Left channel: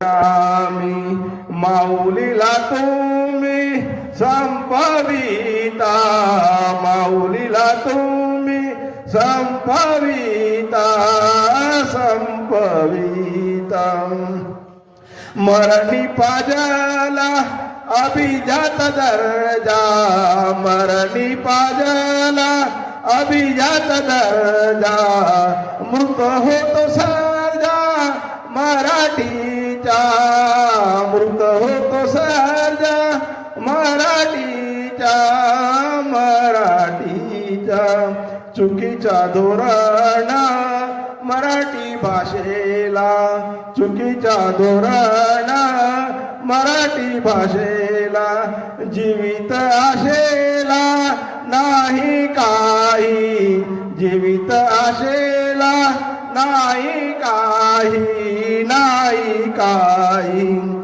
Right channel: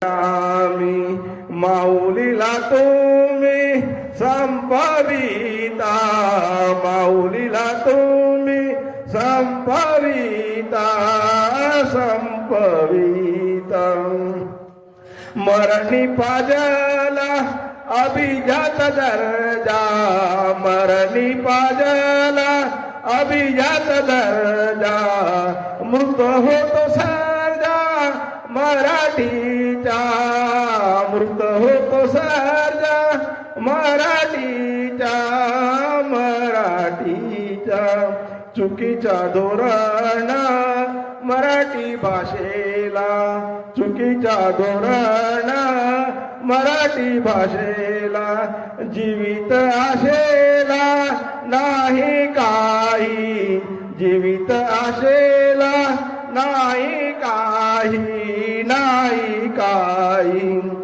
आम्ही माऊलीला तुम्ही संपविता, माऊलीला तुम्ही संपविता, संपविता. मरणी पाजला अभिजात दर्जा, मरणी पाजला अभिजात दर्जा, मृत होतो सर्जा मराठीचा, मृत होतो सर्जा मराठीचा, मराठीचा. चुकीचा धोरण मराठी भाषेला, चुकीचा धोरण मराठी भाषेला, जीवित आशेला नाही काही, जीवित आशेला नाही काही, नाही काही.